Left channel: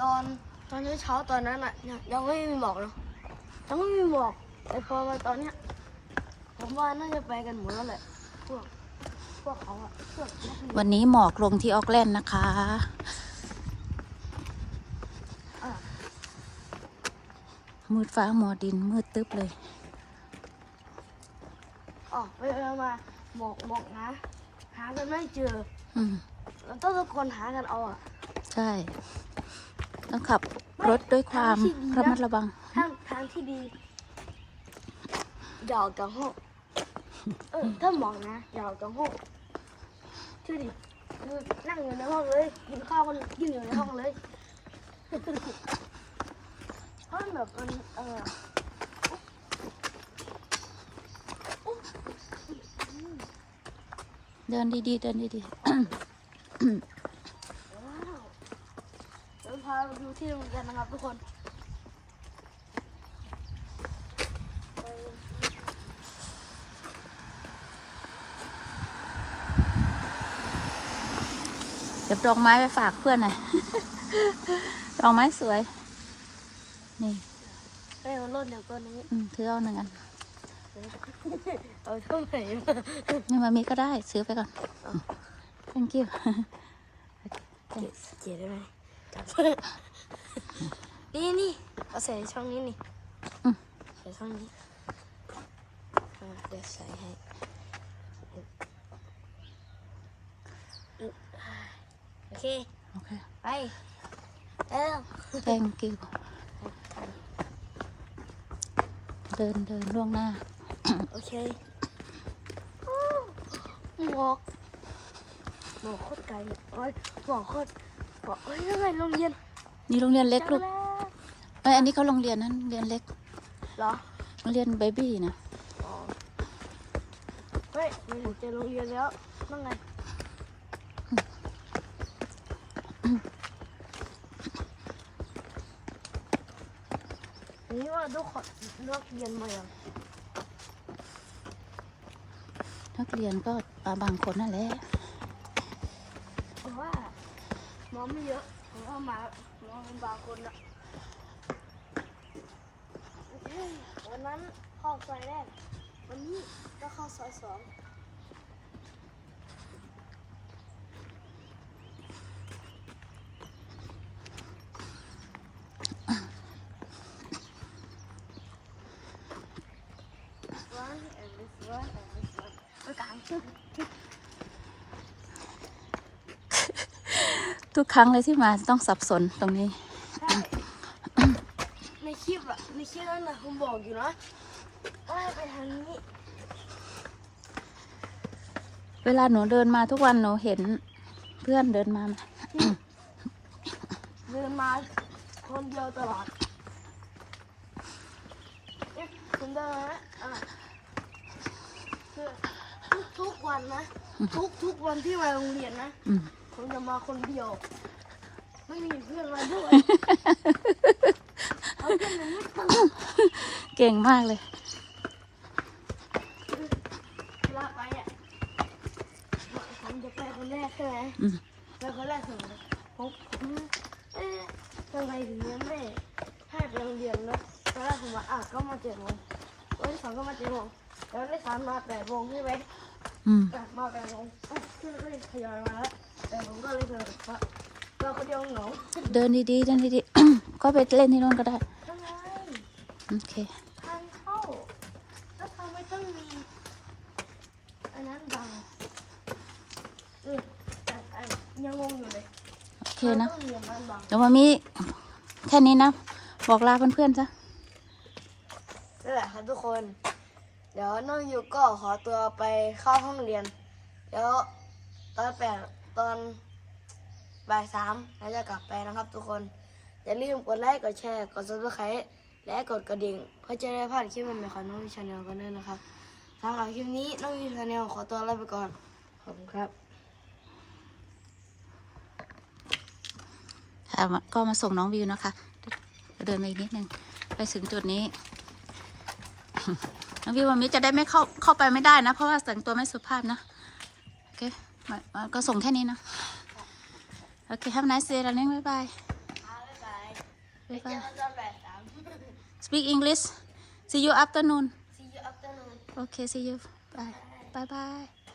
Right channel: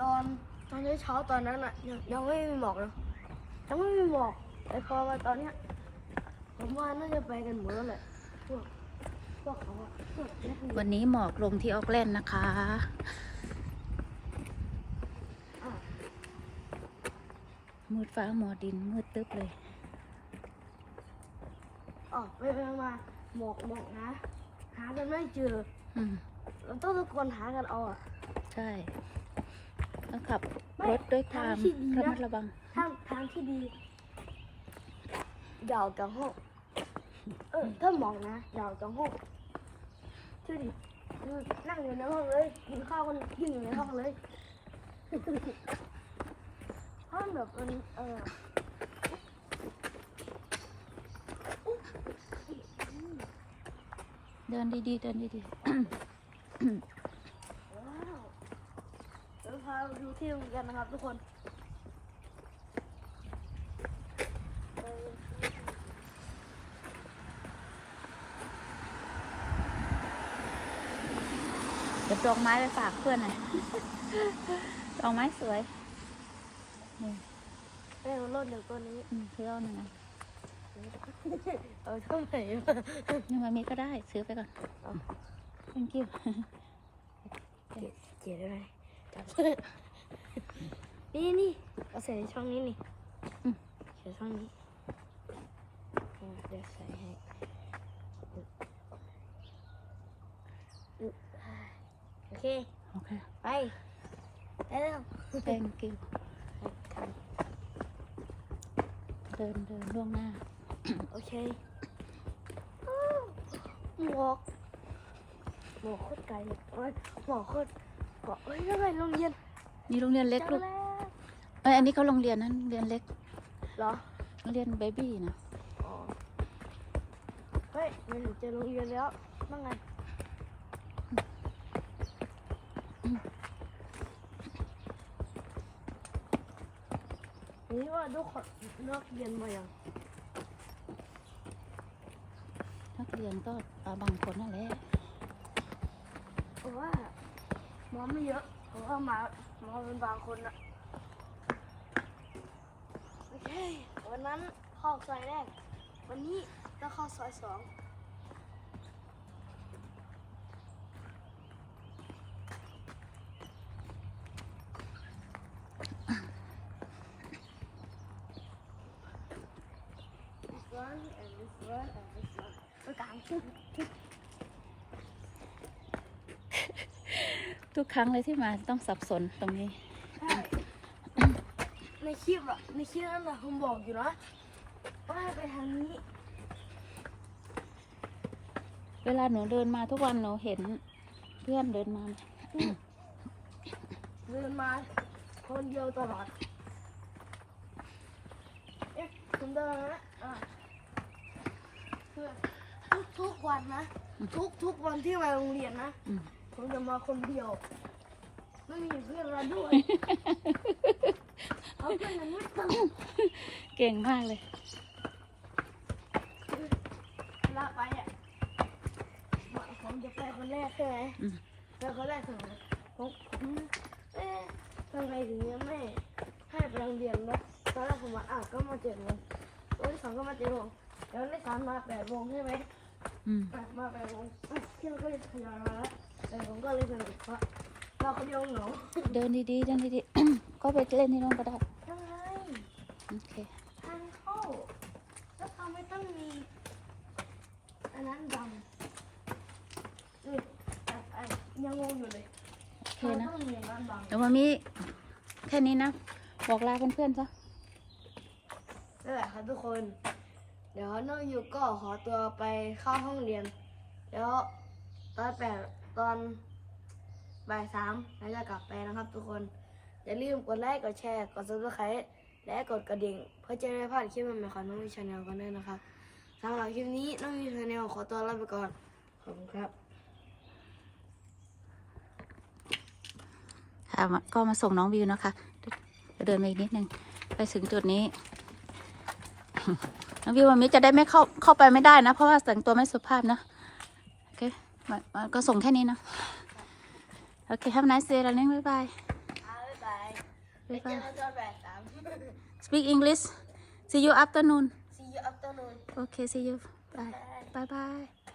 ตอนตอนเช้าๆตอนนั้นอะยังยังไม่มีหมอกเลยยังไม่มีหมอกแต่พอมาตอนเนี้ยผมว่าน่าจะไปกันหมดแล้วแหละพวกพวกเขาอะพวกนักเรียนวันนี้หมอกลงที่ออกแลนด์นะคะอะมืดฟ้ามัวดินมืดตึ๊บเลย อ๋อไปไปมาหมอกหมอกนะ หากันไม่เจออืมเราต้องทุกคนหากันเอาอะใช่ ต้องขับรถด้วยความระมัดระวังทางทางที่ดีอย่าออกจากห้องเออถ้าหมอกนะอย่าออกจากห้องเชื่อดิคือนั่งอยู่ในห้องเลยกินข้าวกันกินอยู่ในห้องเลยเพราะแบบมันเออเดินดีๆเดินดีว้าวเดี๋ยวพาไปดูที่โรงเรียนนะครับทุกคนๆเดี๋ยวดอกไม้ไปฝากเพื่อนหน่อย ดอกไม้สวย นี่ให้มันลดอย่างตัวนี้อืมถือเอาหนึ่งอัน เอาเท่าไหร่นี่มามีก็ได้ ซื้อไปก่อน thank you เกียได้ไหมจับ นี่นี่เอาใส่ในช่องนี้นี่อืมใส่ช่องนี้อ่าเดี๋ยวใส่ให้โอเค โอเค ไปแล้ว thank you เดินเดินล่วงหน้า โอเคอ้าวหมอกหมอกโคตรไกลเลยโอ้ยหมอกโคตร หมอกเอ้ยยังไงโรงเรียนนี่โรงเรียนเล็กลูกจังแล้วเอ้ยอันนี้เขาโรงเรียนนั้นโรงเรียนเล็กเหรอโรงเรียนเบบี้นะเฮ้ยมันเจอโรงเรียนแล้วนั่งไงนี่ว่าทุกคนนักเรียนมาอย่างนักเรียนก็อ่าบางคนนั่นแหละ เพราะว่าหมอ ไม่เยอะเพราะว่ามาหมอเป็นบางคนอะเฮ้ยวันนั้นเข้าซอยแรก วันนี้ก็เข้าซอยสอง one and this one and this one มันกลางจุด ทุกครั้งเลยที่มาต้องสับสนตรงนี้ใช่ในคลิปอะในคลิปนั่นแหละผมบอกอยู่นะว่าให้ไปทางนี้ เวลาหนูเดินมาทุกวันหนูเห็นเพื่อนเดินมาไหมเดินมาคนเดียวตลอดเอ๊ะคุณเดินมาแล้วอะคือทุกทุกวันนะ ทุกทุกวันที่มาโรงเรียนนะอืม ผมจะมาคนเดียว ไม่มีเพื่อนมาด้วยเขาเป็นมนุษย์ตลอดเก่งมากเลย เวลาไปอะผมจะไปคนแรกใช่ไหมอืม ไปคนแรกถึงผมผมเอ๊ะทำไมถึงยังไม่ให้ไปโรงเรียนนะตอนแรกผมว่าอะก็มาเจ็ดโมงวันที่สองก็มาเจ็ดโมงแล้ววันที่สามมาแปดโมงใช่ไหม อืมอะมาแปดโมงอะเพื่อนก็เลยทยอยมาแล้วแต่ผมก็เลยเดินเพราะเราคนเดียวเหงาเดินดีๆเดินดีๆ ก็ไปเล่นที่นู่นก็ได้ ทำไมโอเค ทางเข้าแล้วทำไมต้องมีอันนั้นบังอืมอะอะยังงงอยู่เลยโอเคนะ ทำไมต้องมีอันนั้นบังเดี๋ยวมามีแค่นี้นะ บอกลาเพื่อนๆซะ นั่นแหละครับทุกคนเดี๋ยวน้องยูก็ขอตัวไปเข้าห้องเรียน แล้วตอนแปดตอนบ่ายสามเราจะกลับไปนะครับทุกคน อย่าลืมกดไลค์กดแชร์กดซับสไครต์และกดกระดิ่ง เพื่อจะได้พลาดคลิปใหม่ๆของน้องยูชาแนลกันด้วยนะครับสำหรับคลิปนี้น้องยูชาแนลขอตัวลาไปก่อน ขอบคุณครับค่ะก็มาส่งน้องวิวนะคะ เดินมาอีกนิดนึง ไปถึงจุดนี้ น้องวิววันนี้จะได้ไม่เข้าเข้าไปไม่ได้นะ เพราะว่าแต่งตัวไม่สุภาพนะโอเคมามาก็ส่งแค่นี้นะโอเค have a nice day แล้วเล่นบ๊ายบายบ๊ายบายไปบ๊ายเจบาอยกันตอนบ่ายสาม speak English see you afternoon see you afternoon okay see you bye bye bye